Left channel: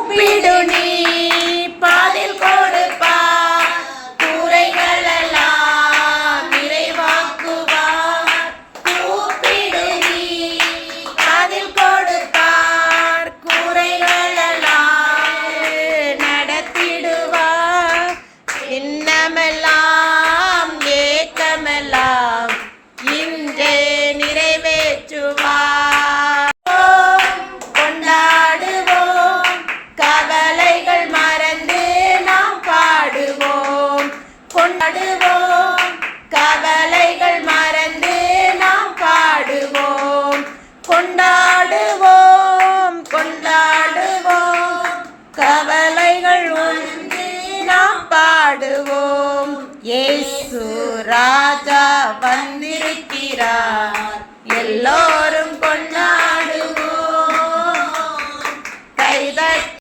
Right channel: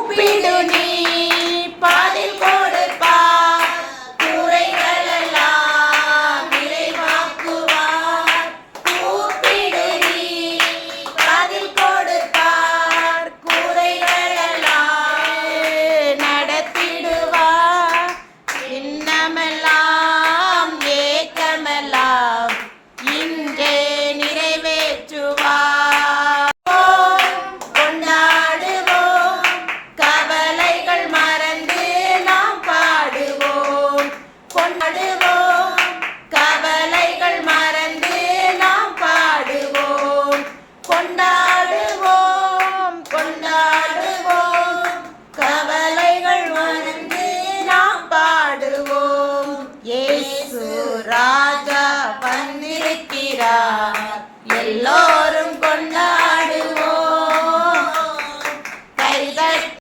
கூப்பிடு நீ பாதில் கொடுப்பார், கூரைகளெல்லாம் நிறைவாக்குவார். கூப்பிடு நீ பாதில் கொடுப்பார், கூரைகளெல்லாம் நடத்திடுவார். இன்னமெல்லாம் ஏக்கமெல்லாம் இன்றே நிறைவேற்றுவார். கொண்டாடுவோம், கவலைகள் மறந்து நாம் பாடுவோம். கொண்டாடுவோம், கவலைகள் மறந்து நாம் பாடுவோம். கொண்டாடுவோம், கொண்டாடுவோம், கவலைகள் வந்து நாம் பாடுவோம். இயேசு ராஜா வந்திருக்கிறார், எல்லோரும் கொண்டாடுவோம்.